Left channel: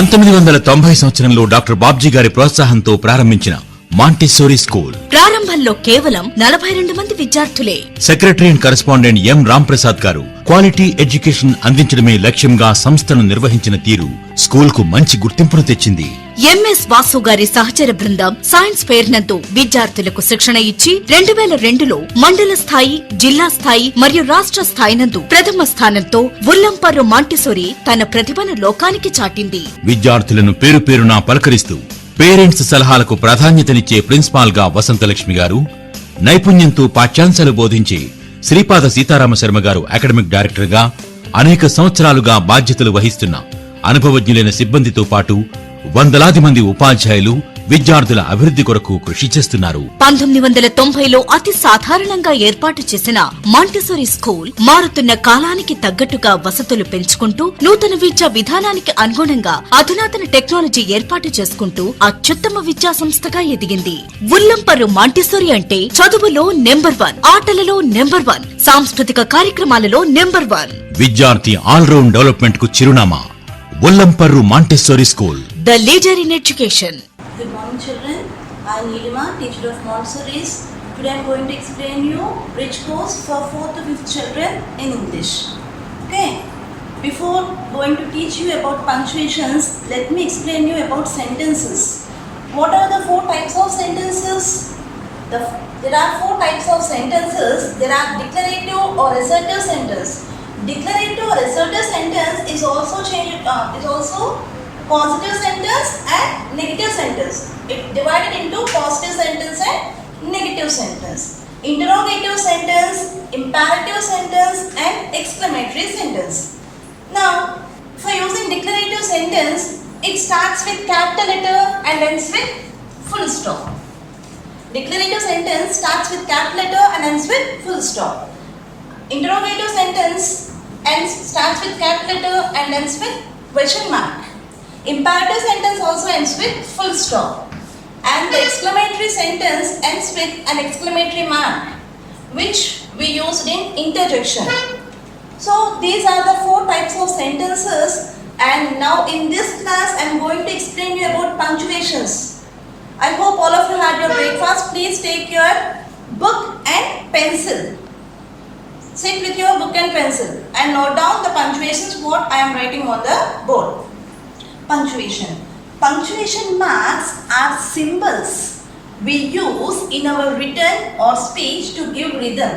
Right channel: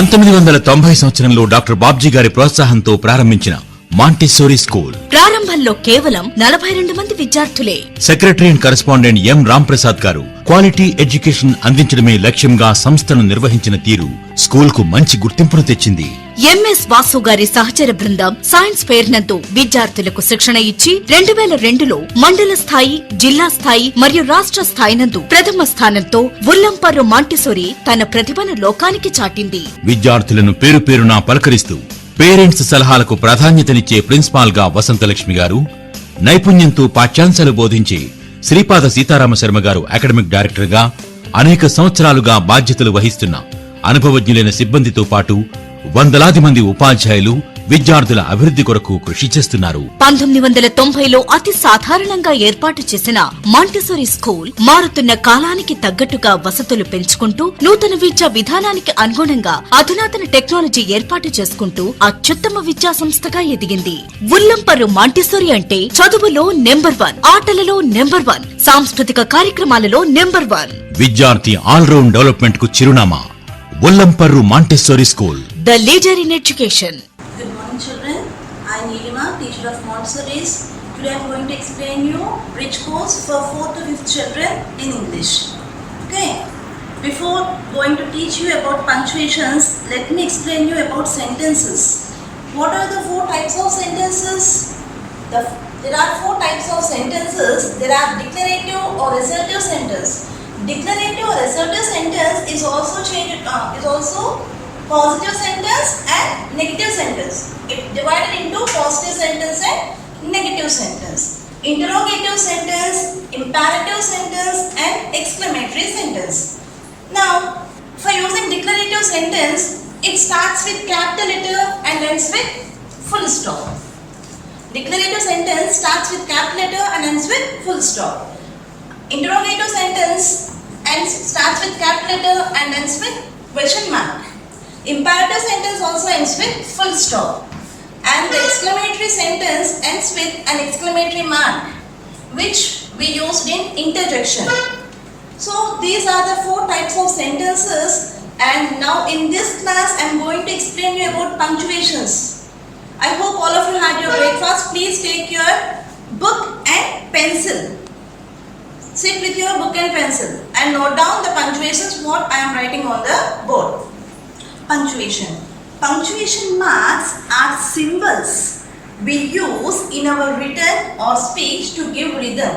1990 సంవత్సరంలో డాక్టర్ బాబ్జీ గారి ప్రోత్సాహంతో ప్రారంభించిన మాంటిసోరీ స్కూల్ ప్రారంభంలో కేవలం 42 మంది విద్యార్థులే. సెక్రటరీ అండ్ కరెస్పాండెంట్ ఎం రాంప్రసాద్ గారు క్వాలిటీ ఎడ్యుకేషన్ అందించడమే లక్ష్యంగా సంస్థను నిర్వహించిన తీరు స్కూల్ కు మంచి గుర్తింపును తెచ్చింది. ఎంఎస్ వాసు గారి సహచర బృందం సైన్స్ ఫెయిర్ నందు విద్యార్థులకు శిక్షణ ఇచ్చి 2002లో మండల స్థాయి, జిల్లా స్థాయి మరియు రాష్ట్ర స్థాయి నందు ప్రథమ స్థానంతో ఉల్లంపర్రు మాంటిసోరీ తన ప్రతిభను లోకానికి చాటింది. విద్యార్థులను పేరు పేరునా పలకరిస్తూ పేరెంట్స్ సలహాలకు ప్రాధాన్యతనిచ్చే ప్రిన్సిపాల్ గా వసంతలక్ష్మి గారు, నైపుణ్యంతో పాఠ్యాంశాలు బోధించే శ్రీపాద సీతారామ శర్మ గారు అకాడమిక్ డైరెక్టర్ గా అనేక సంవత్సరాలుగా బాధ్యతలు వహిస్తున్న అనుభవజ్ఞులైన సిబ్బందితో పాటు వందలాది మంది ఉపాధ్యాయులు విద్యార్థుల అభివృద్ధి కొరకు కృషి చేస్తున్నారు. 1990లో అతి సాధారణంగా ఏర్పాటు చేసిన మాంటిసోరీ స్కూల్ మారుతున్న కాలానికి తగ్గట్టుగా వసతులు పెంచుకుంటూ నూతన విద్యా విధానానికి అనుగుణంగా అధునాతన టెక్నాలజీ ఏర్పాటు చేసుకుంటూ అత్యుత్తమ విద్యా సంస్థగా ఎదిగింది. ఉల్లంపర్రు మాంటిసోరీ అంటే చదువులో నెంబర్ 1, ఆటలలో నెంబర్ 1, సాంస్కృతిక కార్యక్రమాలలో నెంబర్ 1. విద్యార్థి ఆల్రౌండ్ డెవలప్మెంట్ కు చిరునామా Ullamparru Montessori school, the leader in education. Good morning children, I am Nilima, teacher of Montessori's. Today I am going to explain you bridge course for 4th to 5th children in English. Okay, before going to teach you about punctuations, let me explain you about sentences. What are the 4 types of sentences? There are 4 types of sentences. There are declarative or assertive sentence. Declarative or assertive sentence is also positive sentence and negative sentence. It divided into positive sentence and negative sentence. Interrogative sentence, imperative sentence and exclamatory sentence. Now, for using declarative sentence, it starts with capital letter and ends with full stop. Declarative sentence starts with capital letter and ends with full stop. Interrogative sentence starts with capital letter and ends with question mark. Imperative sentence also ends with full stop. And the exclamatory sentence ends with an exclamatory mark, which we used in interjection. So these are the 4 types of sentences, and now in this class I am going to explain you about punctuations. I hope all of you had your breakfast. Please take your book and pencil. Sit with your book and pencil and note down the punctuations what I am writing on the board. Punctuation. Punctuation marks are symbols we use in our written or speech to give rhythm.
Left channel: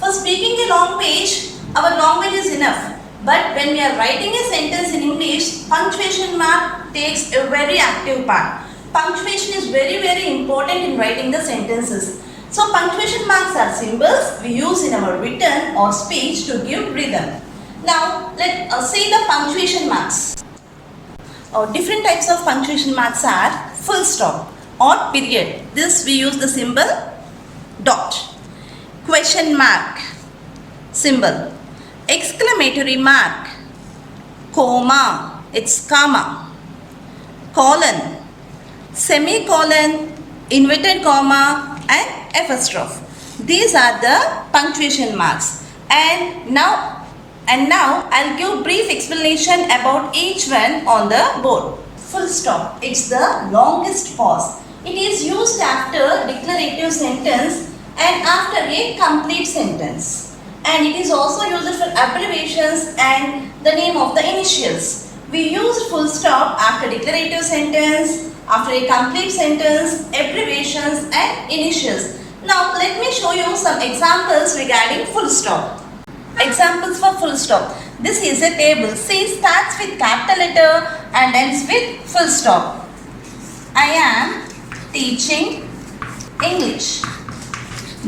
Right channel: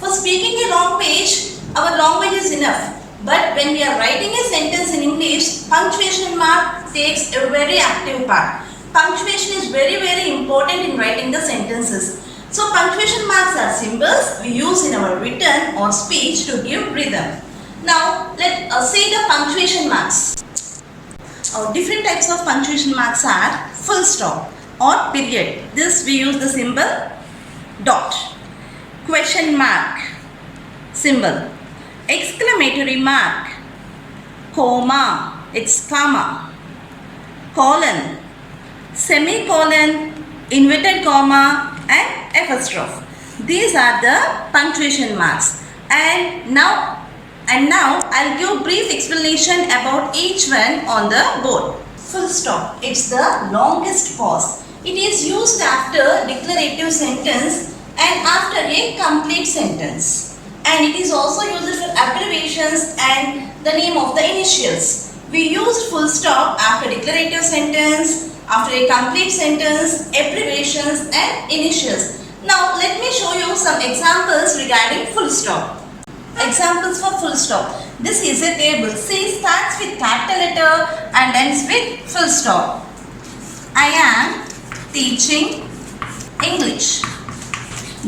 For speaking a long page, our language is enough. But when we are writing a sentence in English, punctuation mark takes a very active part. Punctuation is very, very important in writing the sentences. So punctuation marks are symbols we use in our written or speech to give rhythm. Now let us see the punctuation marks. Different types of punctuation marks are full stop or period. This we use the symbol dot. Question mark symbol. Exclamatory mark, comma, it's comma. Colon, semicolon, inverted comma and apostrophe. These are the punctuation marks. And now I'll give brief explanation about each one on the board. Full stop, it's the longest pause. It is used after declarative sentence and after a complete sentence. And it is also used for abbreviations and the name of the initials. We use full stop after declarative sentence, after a complete sentence, abbreviations and initials. Now let me show you some examples regarding full stop. Examples for full stop. This is a table. C starts with capital letter and ends with full stop. I am teaching English.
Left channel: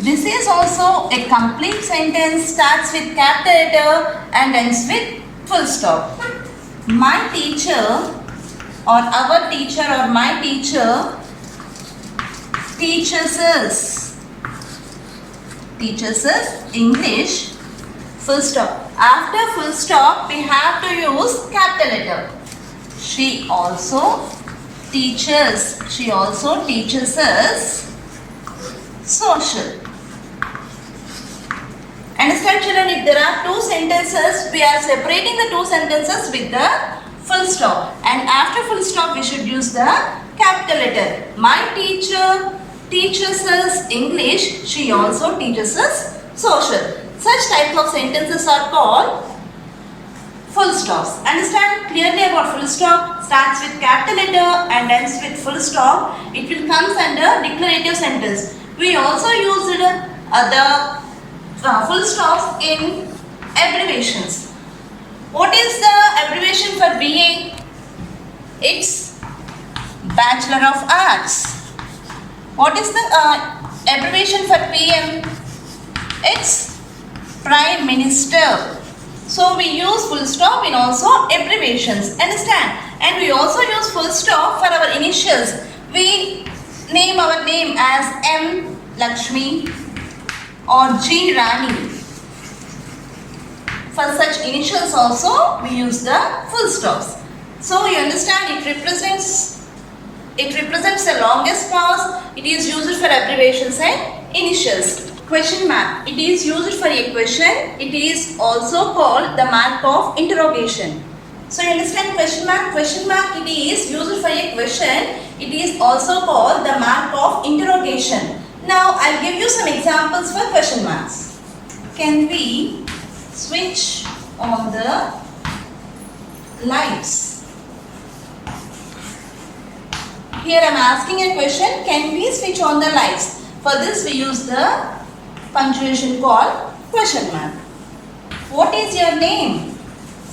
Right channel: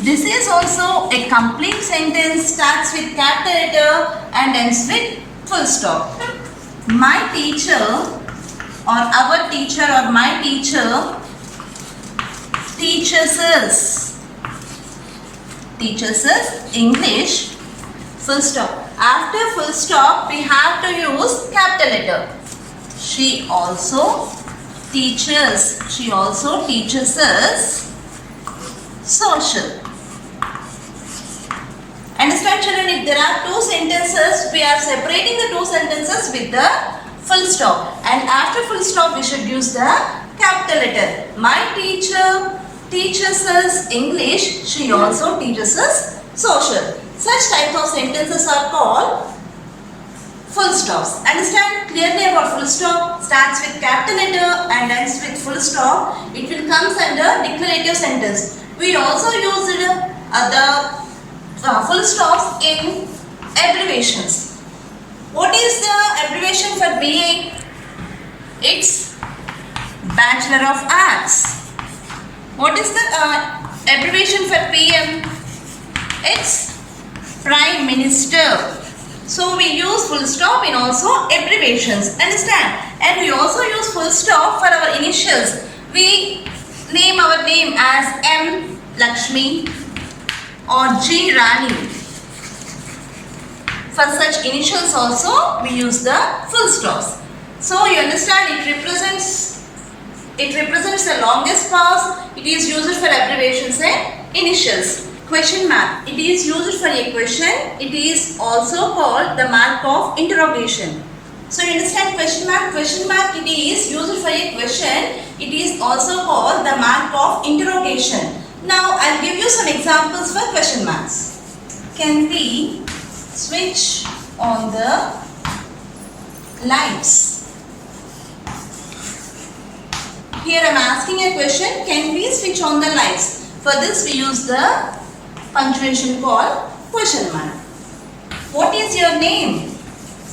This is also a complete sentence, starts with capital letter and ends with full stop. My teacher or our teacher or my teacher teaches us English, full stop. After full stop we have to use capital letter. She also teaches us social. Understand children, if there are 2 sentences, we are separating the 2 sentences with the full stop. And after full stop, we should use the capital letter. My teacher teaches us English. She also teaches us social. Such types of sentences are called full stops. Understand clearly about full stop? Starts with capital letter and ends with full stop. It will comes under declarative sentence. We also use the full stops in abbreviations. What is the abbreviation for BA? It's Bachelor of Arts. What is the abbreviation for PM? It's Prime Minister. So we use full stop in also abbreviations. Understand? And we also use full stop for our initials. We name our name as M. Lakshmi or G. Rani. For such initials also we use the full stops. So you understand it represents the longest clause. It is used for abbreviations and initials. Question mark. It is used for a question. It is also called the mark of interrogation. So you understand question mark? Question mark it is used for a question. It is also called the mark of interrogation. Now I'll give you some examples for question marks. Can we switch on the lights? Here I am asking a question. Can we switch on the lights? For this we use the punctuation called question mark. What is your name?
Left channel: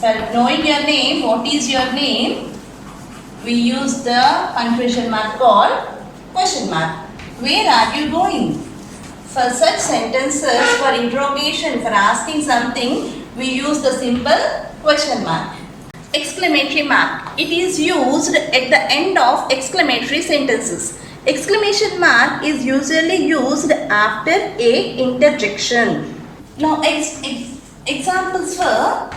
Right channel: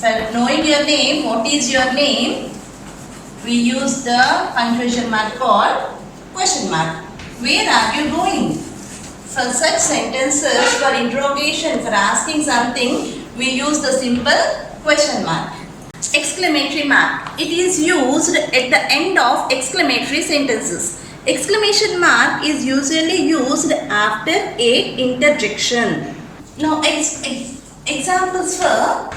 For knowing your name, what is your name? We use the punctuation mark called question mark. Where are you going? For such sentences, for interrogation, for asking something, we use the symbol question mark. Exclamatory mark. It is used at the end of exclamatory sentences. Exclamation mark is usually used after a interjection. Now examples for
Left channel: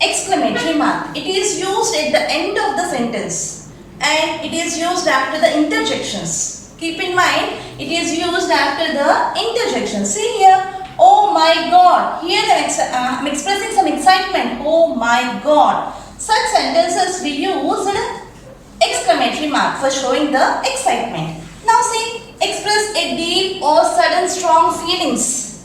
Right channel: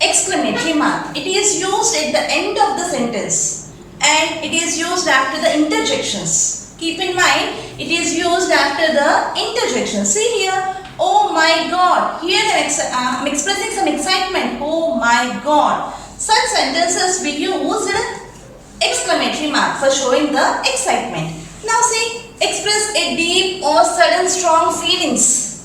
exclamatory mark. It is used at the end of the sentence and it is used after the interjections. Keep in mind, it is used after the interjection. See here, oh my God. Here I am expressing some excitement. Oh my God. Such sentences we use exclamatory mark for showing the excitement. Now see, express a deep or sudden strong feelings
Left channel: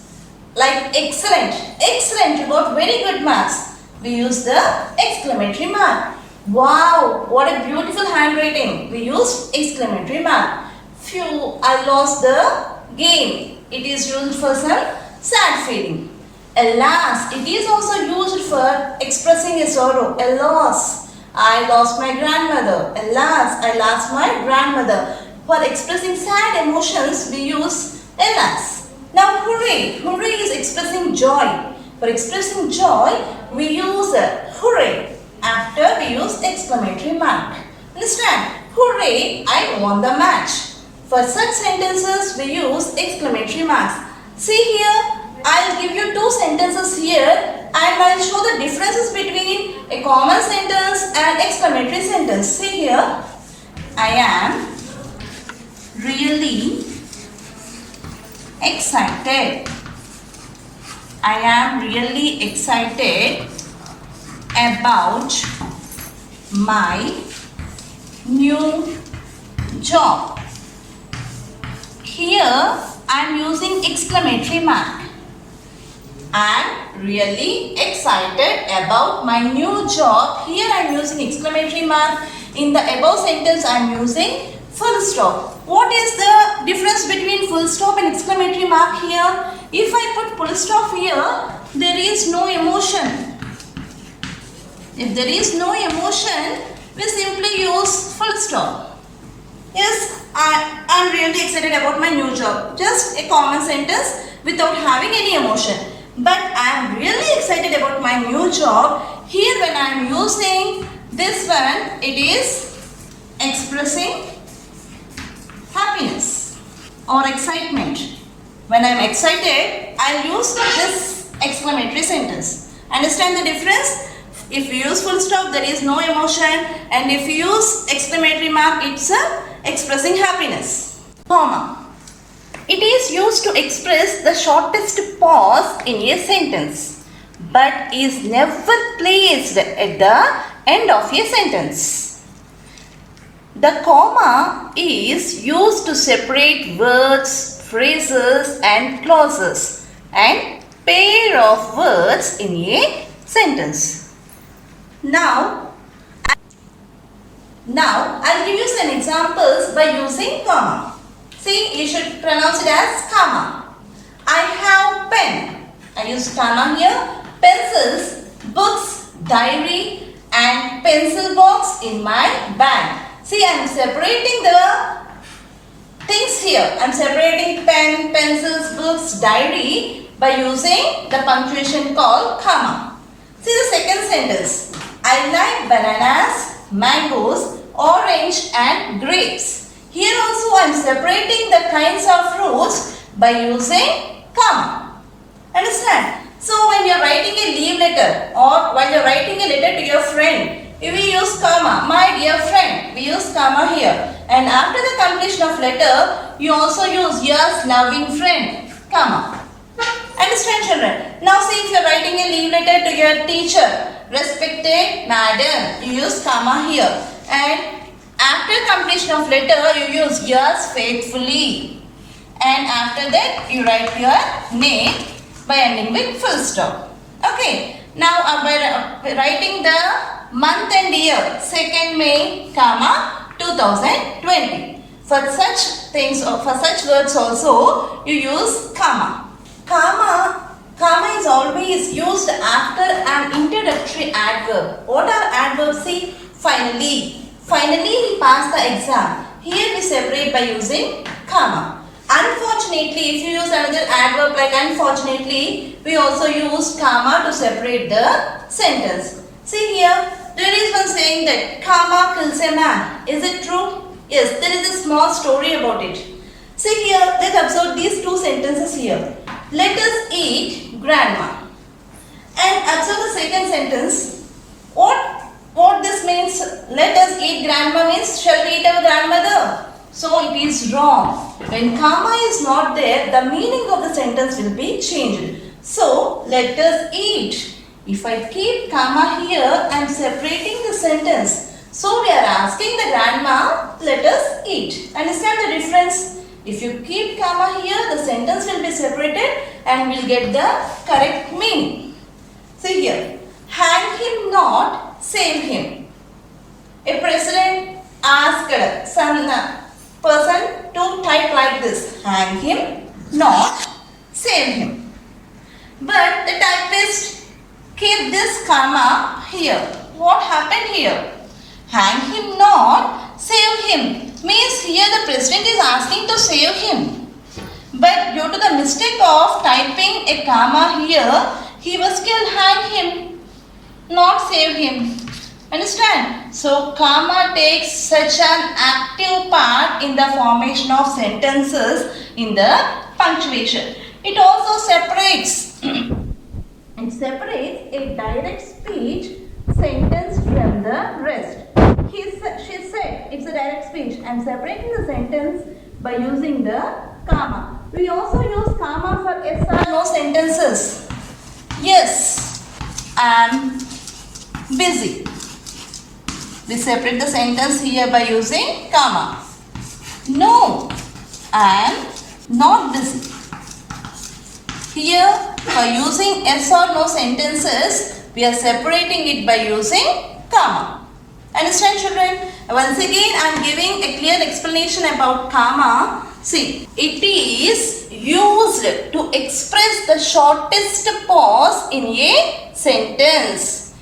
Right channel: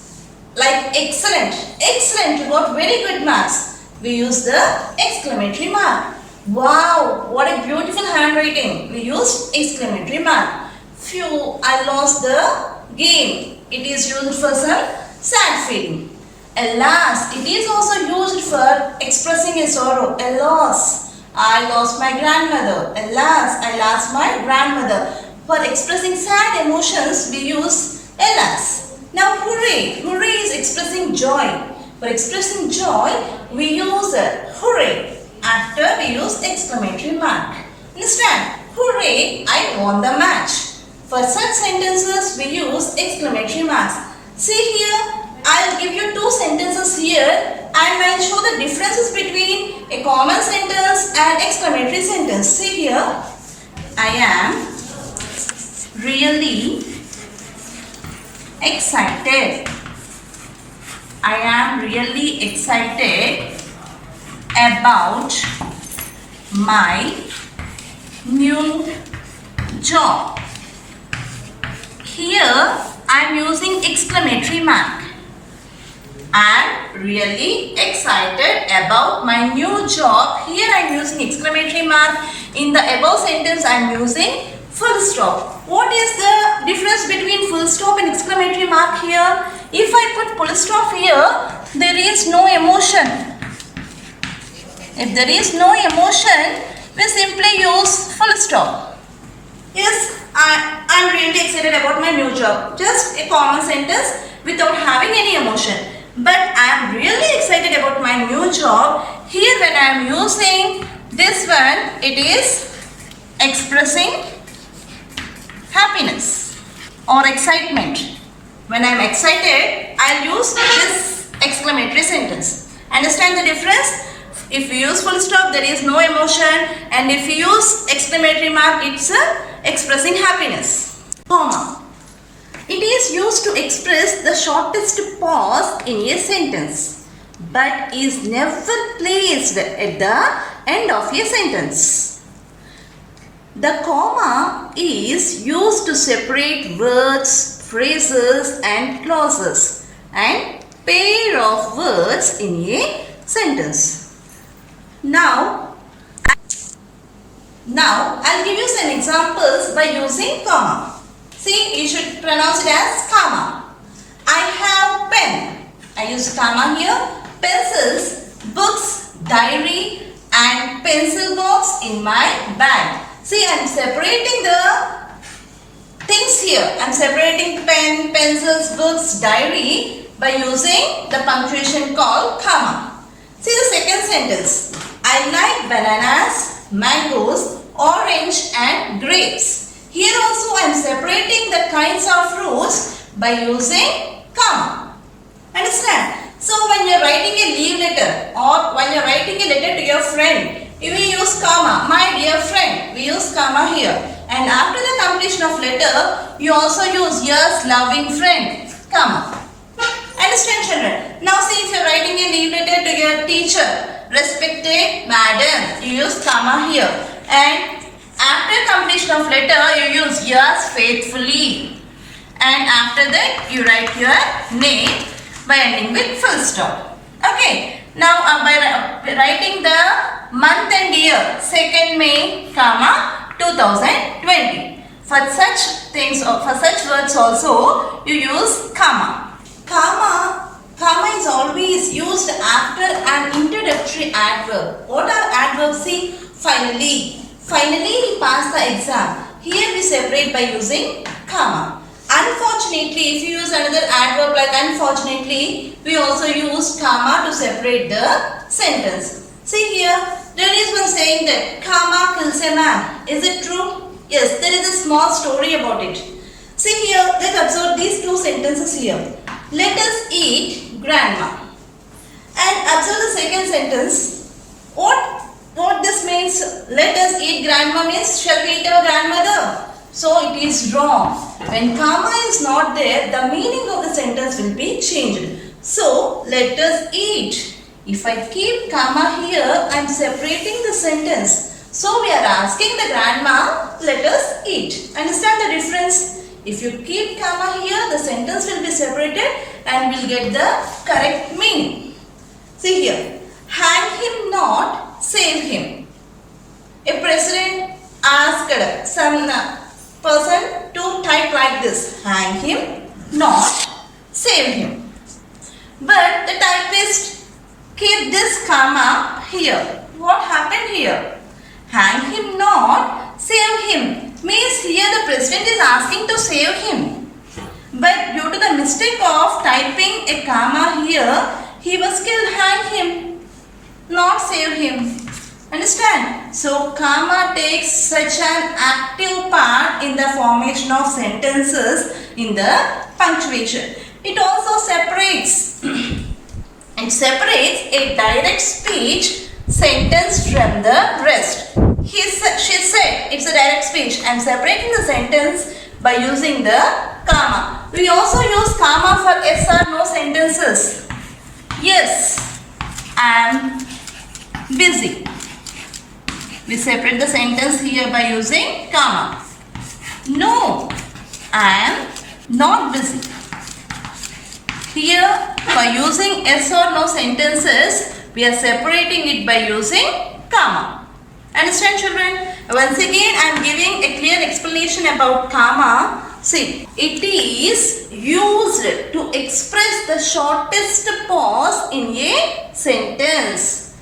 like excellent. Excellent, you got very good marks. We use the exclamatory mark. Wow, what a beautiful handwriting. We use exclamatory mark. Phew, I lost the game. It is used for some sad feeling. Alas, it is also used for expressing a sorrow. Alas, I lost my grandmother. Alas, I lost my grandmother. For expressing sad emotions, we use alas. Now, hooray. Hooray is expressing joy. For expressing joy, we use hooray. After we use exclamatory mark. Understand? Hooray, I won the match. For such sentences, we use exclamatory marks. See here, I'll give you two sentences here and I'll show the differences between a common sentence and exclamatory sentence. See here, I am really excited. I am really excited about my new job. Here I am using exclamatory mark. I am really excited about my new job. Here I am using exclamatory mark. In the above sentence I am using full stop. What is the difference between full stop and exclamatory mark here? If I put full stop here, there is no emotion. If there is no emotion, we simply use full stop. Yes, I am really excited about my new job. Just a common sentence without having any emotion. But I am really excited about my new job. Here when I am using this one, it is expressing happiness or excitement. When I am excited, I will use this exclamatory sentence. Understand the difference? If you use full stop, there is no emotion, and if you use exclamatory mark, it's expressing happiness. Comma. It is used to express the shortest pause in a sentence, but is never placed at the end of a sentence. The comma is used to separate words, phrases and clauses and pair of words in a sentence. Now I'll give you some examples by using comma. See, you should pronounce it as comma. I have pen. I use comma here. Pencils, books, diary and pencil box in my bag. See, I am separating the things here. I am separating pen, pencils, books, diary by using the punctuation called comma. See the second sentence. I like bananas, mangoes, orange and grapes. Here also I am separating the kinds of fruits by using comma. Understand? So when you are writing a leave letter or while you are writing a letter to your friend, we use comma. My dear friend, we use comma here. And after the completion of letter, you also use yours loving friend, comma. Understand, children? Now see, if you are writing a leave letter to your teacher, respected madam, you use comma here. And after completion of letter, you use yours faithfully. And after that, you write your name by ending with full stop. Okay. Now by writing the month and year, 2nd May, comma, 2020. For such things or for such words also, you use comma. Comma is always used after an introductory adverb. What are adverbs? See, finally. Finally, he passed the exam. Here we separate by using comma. Unfortunately, if you use another adverb like unfortunately, we also use comma to separate the sentence. See here, there is one saying that comma kills a man. Is it true? Yes, there is a small story about it. See here, let's observe these two sentences here. Let us eat grandma. And observe the second sentence. What this means? Let us eat grandma means shall we eat our grandmother? So it is wrong. When comma is not there, the meaning of the sentence will be changed. So let us eat. If I keep comma here, I am separating the sentence. So we are asking the grandma, let us eat. Understand the difference? If you keep comma here, the sentence will be separated and will get the correct meaning. See here, hang him not, save him. A president asked some person to type like this, hang him not, save him. But the typist keep this comma here. What happened here? Hang him not, save him means here the president is asking to save him. But due to the mistake of typing a comma here, he was killed. Hang him, not save him. Understand? So comma takes such an active part in the formation of sentences in the punctuation. It also separates a direct speech sentence from the rest. She said it's a direct speech. I am separating the sentence by using the comma. We also use comma for yes or no sentences. Yes, I am busy. We separate the sentence here by using comma. No, I am not busy. Here, for using yes or no sentences, we are separating it by using comma. Understand, children? Once again, I am giving a clear explanation about comma. See, it is used to express the shortest pause in a sentence,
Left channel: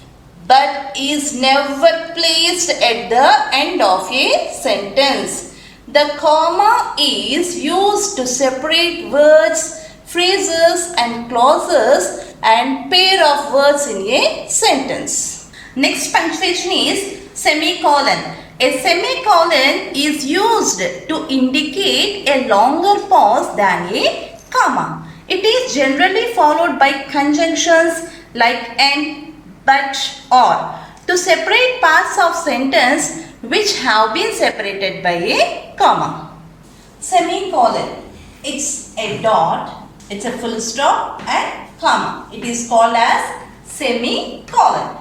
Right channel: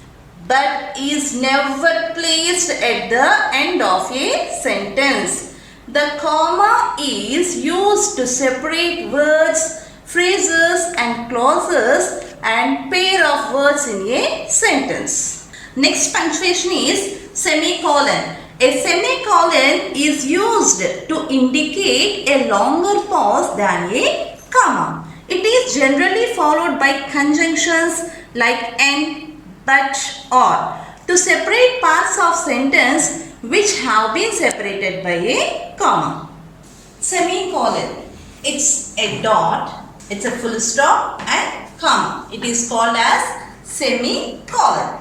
but is never placed at the end of a sentence. The comma is used to separate words, phrases and clauses and pair of words in a sentence. Next punctuation is semicolon. A semicolon is used to indicate a longer pause than a comma. It is generally followed by conjunctions like and, but, or to separate parts of sentence which have been separated by a comma. Semicolon. It's a dot, it's a full stop and comma. It is called as semicolon.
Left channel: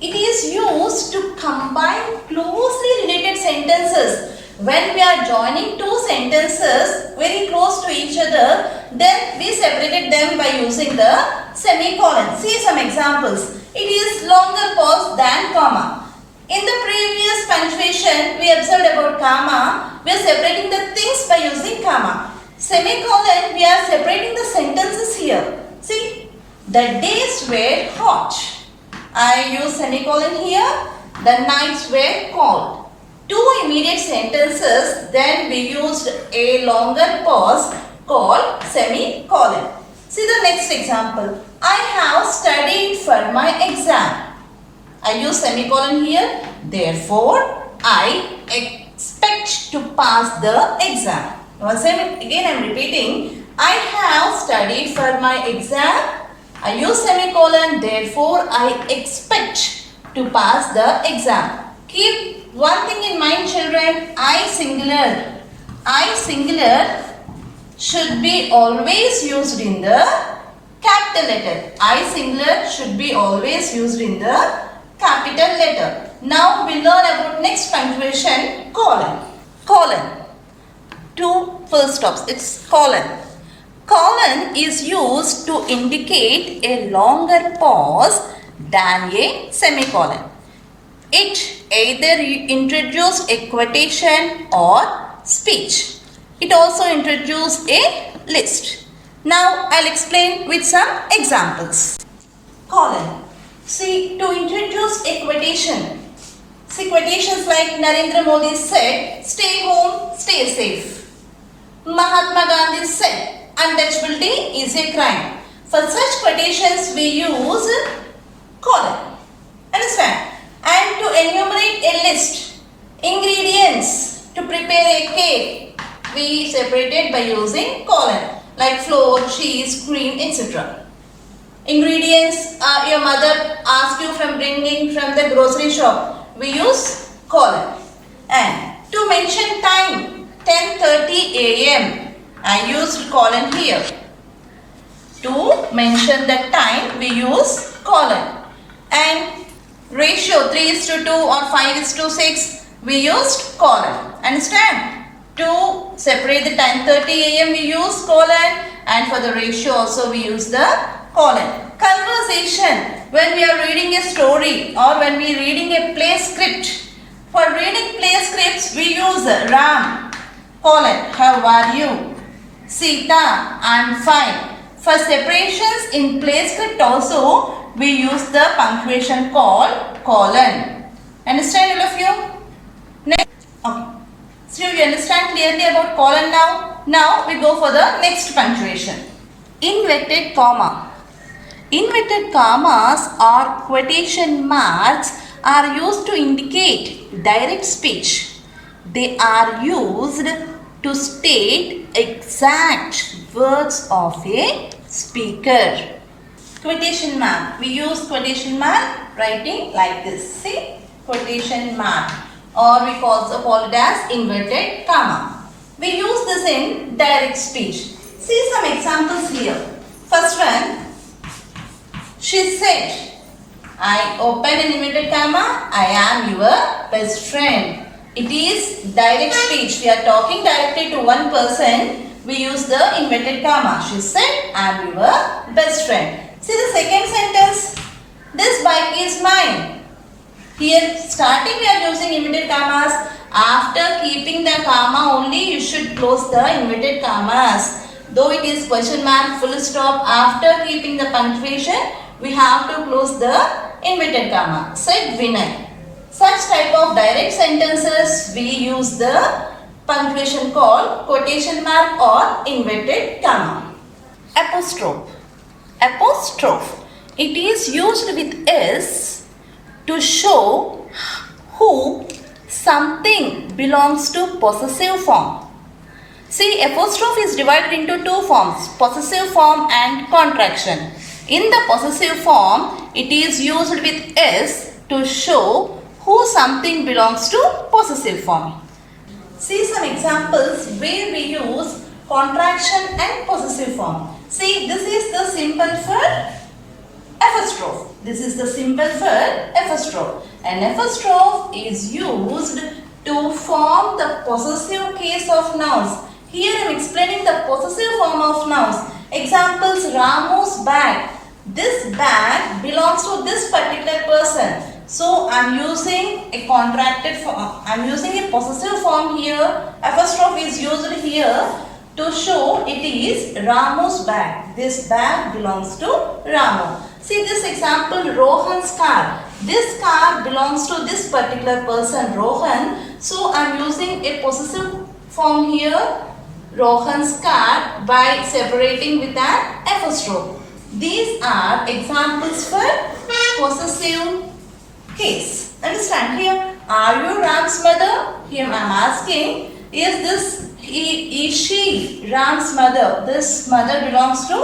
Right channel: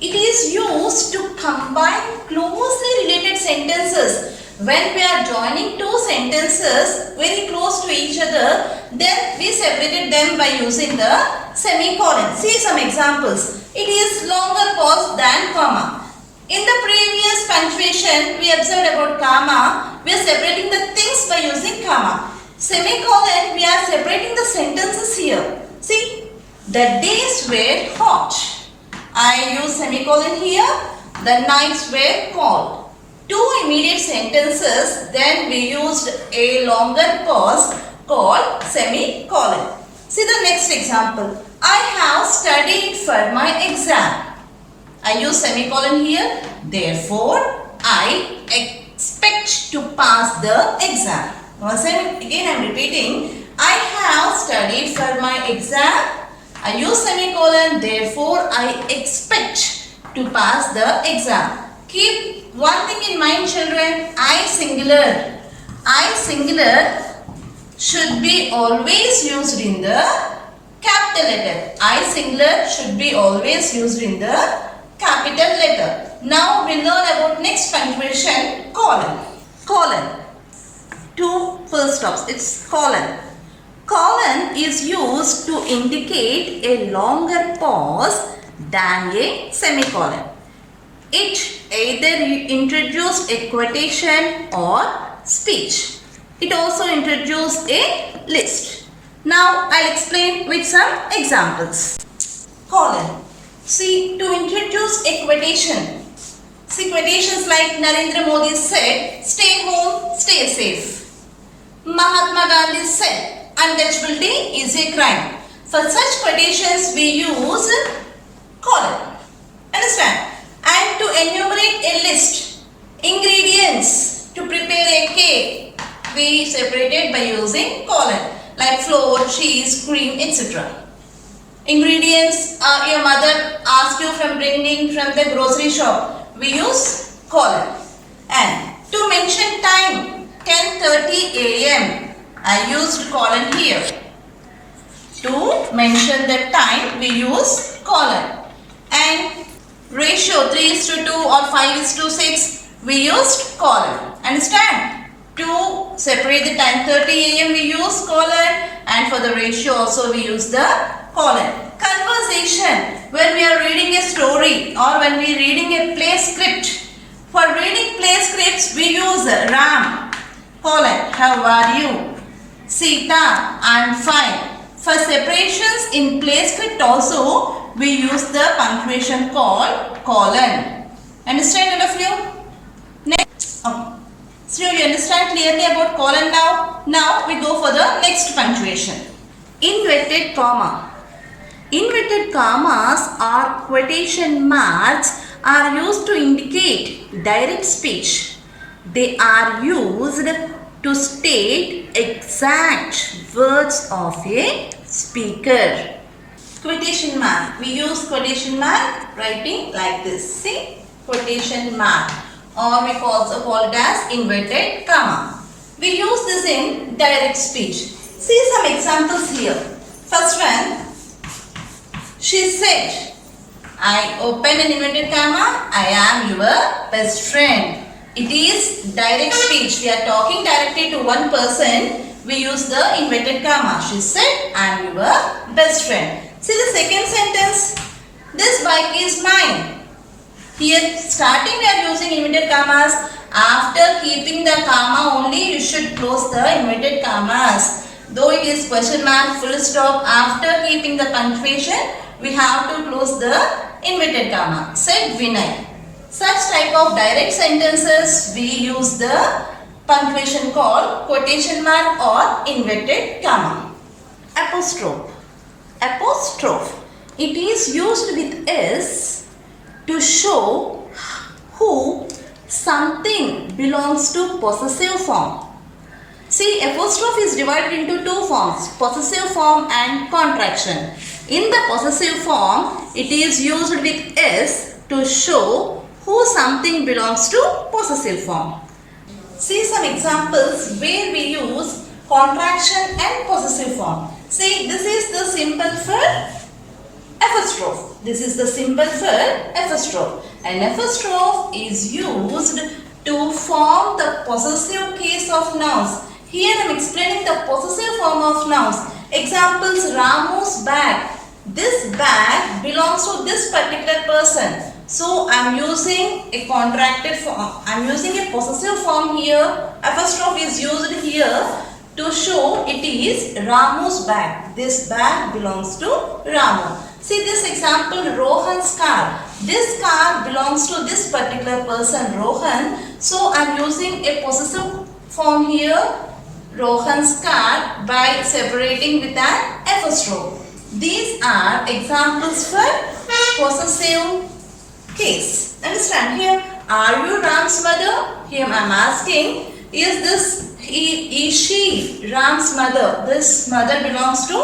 It is used to combine closely related sentences. When we are joining two sentences very close to each other, then we separated them by using the semicolon. See some examples. It is longer pause than comma. In the previous punctuation, we observed about comma. We are separating the things by using comma. Semicolon, we are separating the sentences here. See, the days were hot. I use semicolon here. The nights were cold. Two immediate sentences, then we used a longer pause called semicolon. See the next example. I have studied for my exam. I use semicolon here. Therefore, I expect to pass the exam. Once again I am repeating. I have studied for my exam. I use semicolon. Therefore, I expect to pass the exam. Keep one thing in mind, children. I singular. I singular should be always used in the capital letter. I singular should be always used in the capital letter. Now we learn about next punctuation, colon. Colon. Two full stops. It's colon. Colon is used to indicate a longer pause than a semicolon. It either introduces a quotation or speech. It also introduces a list. Now I'll explain with some examples. Colon. See, to introduce a quotation. See, quotations like Narendra Modi said, stay home, stay safe. Mahatma Gandhi said, untouchability is a crime. For such quotations we use colon. Understand? And to enumerate a list, ingredients to prepare a cake, we separated by using colon, like flour, cheese, cream, etc. Ingredients your mother asked you from bringing from the grocery shop, we use colon. And to mention time, 10:30 a.m. I used colon here. To mention the time, we use colon. And ratio 3:2 or 5:6, we used colon. Understand? To separate the time 30 a.m. we use colon, and for the ratio also we use the colon. Conversation, when we are reading a story or when we are reading a play script. For reading play scripts we use Ram, colon, how are you? Sita, I am fine. For separations in play script also we use the punctuation called colon. Understand all of you? Next. Okay. So you understand clearly about colon now? Now we go for the next punctuation. Inverted comma. Inverted commas or quotation marks are used to indicate direct speech. They are used to state exact words of a speaker. Quotation mark. We use quotation mark writing like this. See? Quotation mark. Or we also call it as inverted comma. We use this in direct speech. See some examples here. First one. She said, I open an inverted comma. I am your best friend. It is direct speech. We are talking directly to one person. We use the inverted comma. She said, I am your best friend. See the second sentence. This bike is mine. Here starting we are using inverted commas. After keeping the comma only you should close the inverted commas. Though it is question mark, full stop, after keeping the punctuation we have to close the inverted comma. Said Vinay. Such type of direct sentences we use the punctuation called quotation mark or inverted comma. Apostrophe. Apostrophe. It is used with S to show who something belongs to possessive form. See, apostrophe is divided into two forms, possessive form and contraction. In the possessive form, it is used with S to show who something belongs to possessive form. See some examples where we use contraction and possessive form. See, this is the symbol for apostrophe. This is the symbol for apostrophe. An apostrophe is used to form the possessive case of nouns. Here I am explaining the possessive form of nouns. Examples: Ramu's bag. This bag belongs to this particular person. So I am using a contracted form. I am using a possessive form here. Apostrophe is used here to show it is Ramu's bag. This bag belongs to Ramu. See this example, Rohan's car. This car belongs to this particular person, Rohan. So I am using a possessive form here, Rohan's car, by separating with an apostrophe. These are examples for possessive case. Understand here? Are you Ram's mother? Here I am asking, is she Ram's mother? This mother belongs to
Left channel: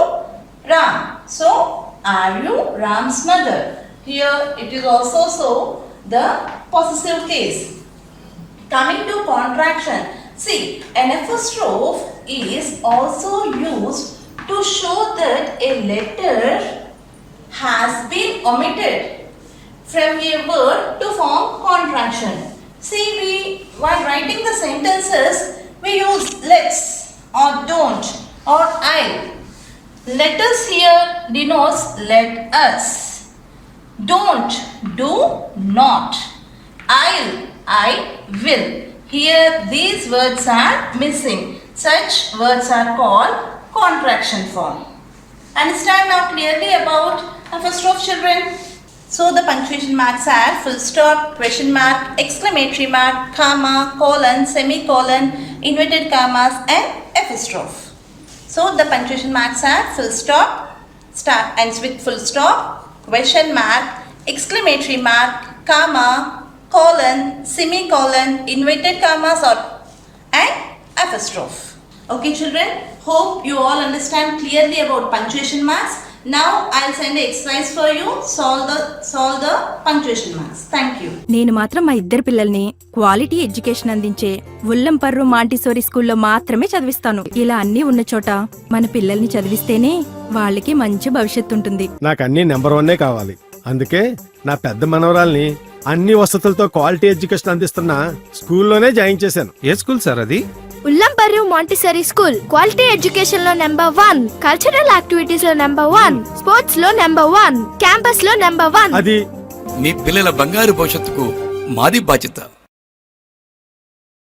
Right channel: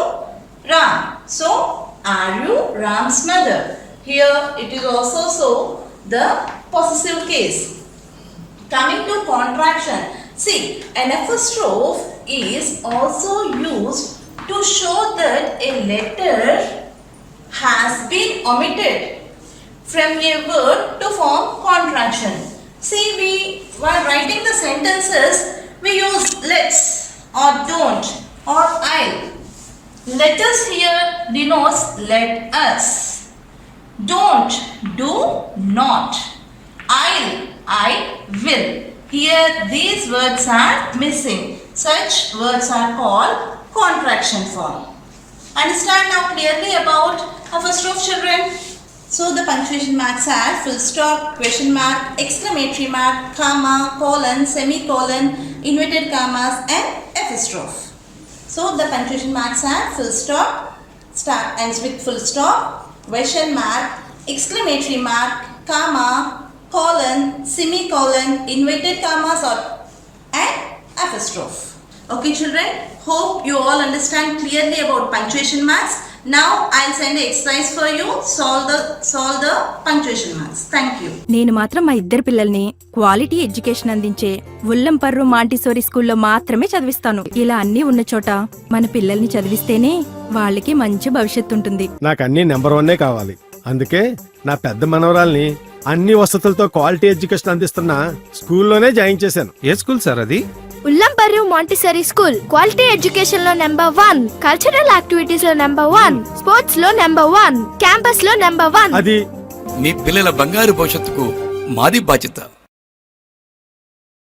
Ram. So, are you Ram's mother? Here it is also so the possessive case. Coming to contraction. See, an apostrophe is also used to show that a letter has been omitted from a word to form contraction. See, while writing the sentences, we use let's or don't or I'll. Let us here denotes let us. Don't, do not. I'll, I will. Here these words are missing. Such words are called contraction form. Understand now clearly about apostrophe, children? So the punctuation marks are full stop, question mark, exclamatory mark, comma, colon, semicolon, inverted commas and apostrophe. So the punctuation marks are full stop, ends with full stop, question mark, exclamatory mark, comma, colon, semicolon, inverted commas and apostrophe. Okay children, hope you all understand clearly about punctuation marks. Now I'll send an exercise for you. Solve the punctuation marks. Thank you. నేను మాత్రం మా ఇద్దరు పిల్లల్ని quality education అందించే ఉల్లంపర్రు Montessori స్కూల్లో మాత్రమే చదివిస్తాను. ఇలా అన్నీ ఉన్న చోట మన పిల్లల్ని చదివిస్తేనే వాళ్ళకి మంచి భవిష్యత్తు ఉంటుంది. నాకు అన్ని నెంబర్ 1 కావాలి. అందుకే నా పెద్ద మనవరాల్ని అన్ని వసతులతో క్వాలిటీ ఎడ్యుకేషన్ అందిస్తున్న స్కూల్లోనే జాయిన్ చేశాను. ఏ స్కూల్ సార్ అది? ఉల్లంపర్రు మాంటిసరీ స్కూల్. క్వాలిటీ ఎడ్యుకేషన్ లో నెంబర్ 1, కల్చరల్ యాక్టివిటీస్ లో నెంబర్ 1, స్పోర్ట్స్ లో నెంబర్ 1, క్యాంపస్ లో నెంబర్ 1. అది మీ పిల్లల బంగారు భవిష్యత్తుకు మాది బాధ్యత.